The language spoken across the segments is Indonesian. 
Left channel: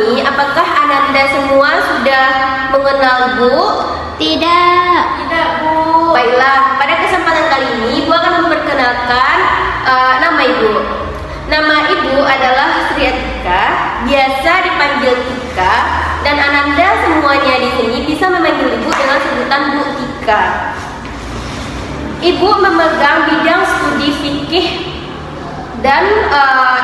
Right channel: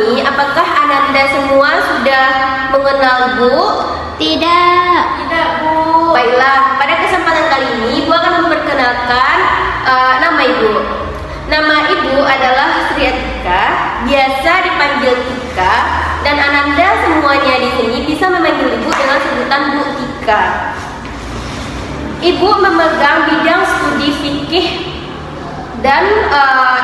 ini, apakah Ananda semua sudah mengenal Bu? Tidak. Tidak, Bu. Baiklah, pada kesempatan kali ini Ibu akan memperkenalkan nama Ibu. Nama Ibu adalah Sri Atika, biasa dipanggil Tika, dan Ananda semuanya di sini bisa memanggil Ibu dengan sebutan Bu Tika. Ibu memegang bidang studi fikih, dan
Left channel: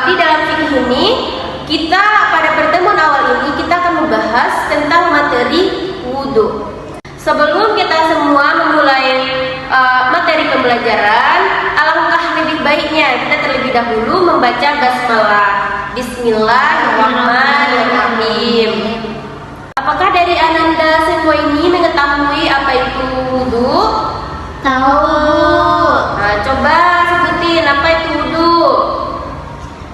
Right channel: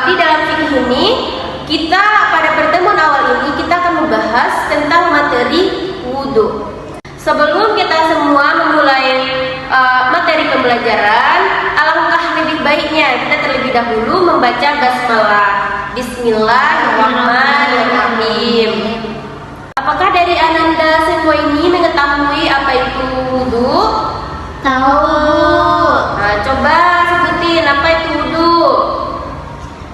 di dalam fikih ini kita pada pertemuan awal ini kita akan membahas tentang materi wudhu. Sebelum kita semua memulai materi pembelajaran, alangkah lebih baiknya kita terlebih dahulu membaca basmalah. Bismillahirrahmanirrahim. Apakah dari Ananda semua ini mengetahui apa itu wudhu? Tahu. Nah, coba sebutin apa itu wudhu.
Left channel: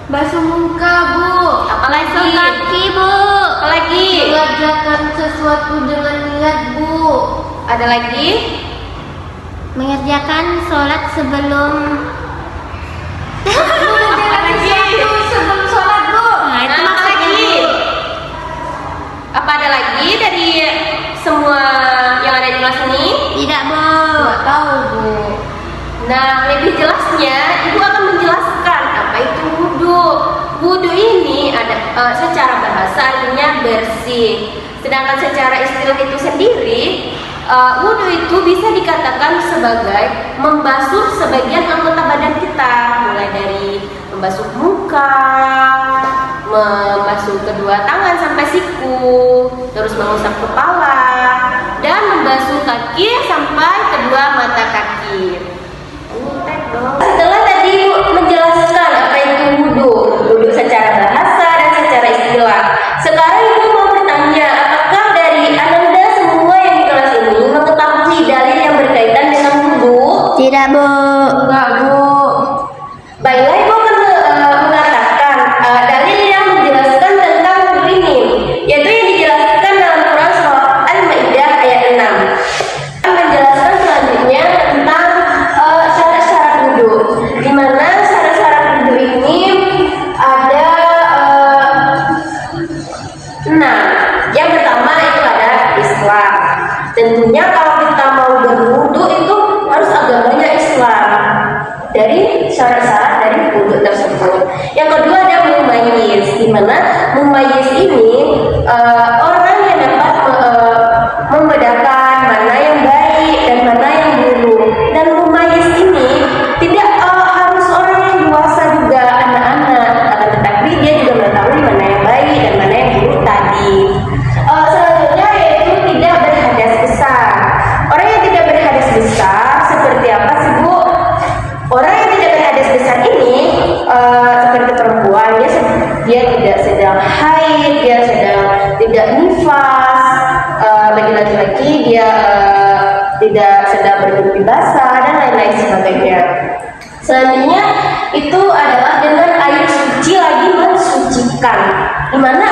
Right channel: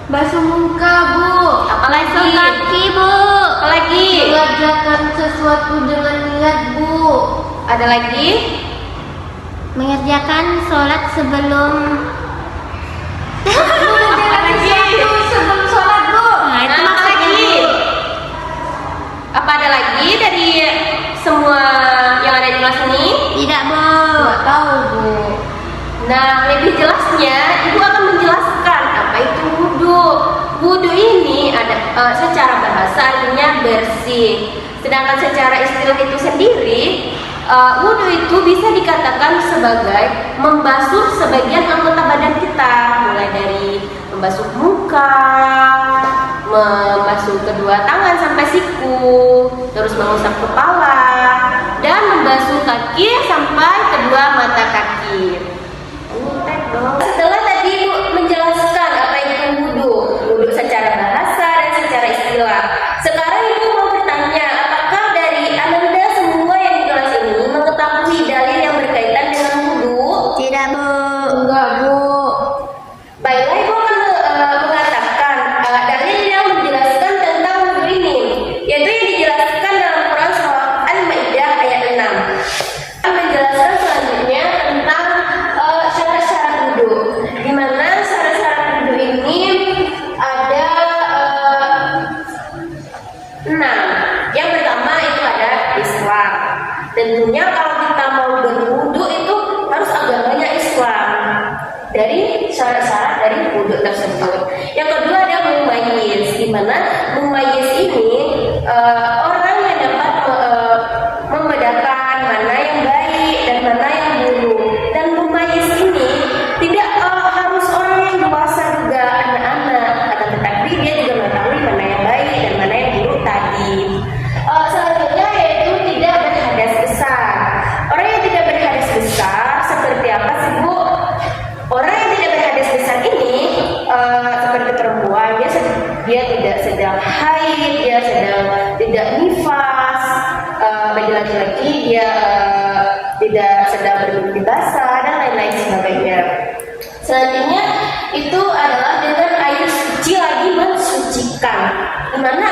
Basuh muka, Bu. Apalagi? Basuh kaki, Bu. Apalagi? Mengerjakan sesuatu dengan niat, Bu. Ada lagi? Mengerjakan sholat sebelum Mengerjakan sesuatu sebelum sholat, Bu. Nah, itu Nah, maksudnya, lagi? Bu. Apa ada lagi dari semua yang ada di kelas ini? Tidak, Bu. Nggak tahu, Bu. Nah, lebih jelasnya Ibu akan menjelaskan apa itu wudhu. Wudhu ini ada secara bahasa artinya bersih. Sedangkan secara istilah itu sendiri, wudhu itu bisa dikatakan sebagai membasuh sebagian anggota badan kita, mulai dari membasuh muka, membasuh kedua tangan sampai siku, terus mengusap kepala, dan membasuh kaki sampai kedua mata kaki. Setelah tadi Ibu menjelaskan apa itu wudhu, wudhu secara bahasa dan secara istilah. Sekarang Ibu mau bertanya, apakah dari Ananda semua yang di kelas ini mengetahui dalil yang berkaitan dengan wudhu? Tidak, Bu. Enggak, Bu. Baiklah, Ibu akan mengatakan dalil yang menjelaskan tentang wudhu ini, yaitu yang dijelaskan dalam Quran Surah Al-Maidah ayat 6. Menjelaskan selanjutnya tentang syarat-syarat wudhu, di mana syarat-syarat wudhu ini ada 6. Yang pertama itu ada Islam. Tentunya kalau kita mau berwudhu itu harus agamanya Islam. Dari syarat-syarat dari wudhu tersebut. Yang kedua ada mumayyiz, di mana mumayyiz ini orang yang dapat membedakan mana yang baik dan mana yang buruk. Dan mumayyiz ini tidak harus orang yang dewasa juga, anak-anak, akan tetapi dia juga mengetahui mana yang baik dan mana yang buruk tadi. Selanjutnya yaitu tidak berhadas besar. Orang yang tidak berhadas besar seperti apa sih, Bu? Orang yang tidak berhadas besar ini seperti perempuan, dia tidak sedang haid, dia sedang tidak nifas. Bagi laki-laki dia tidak sedang bermimpi basah dan lain-lain sebagainya. Selanjutnya itu adalah dengan air suci lagi mensucikan, di mana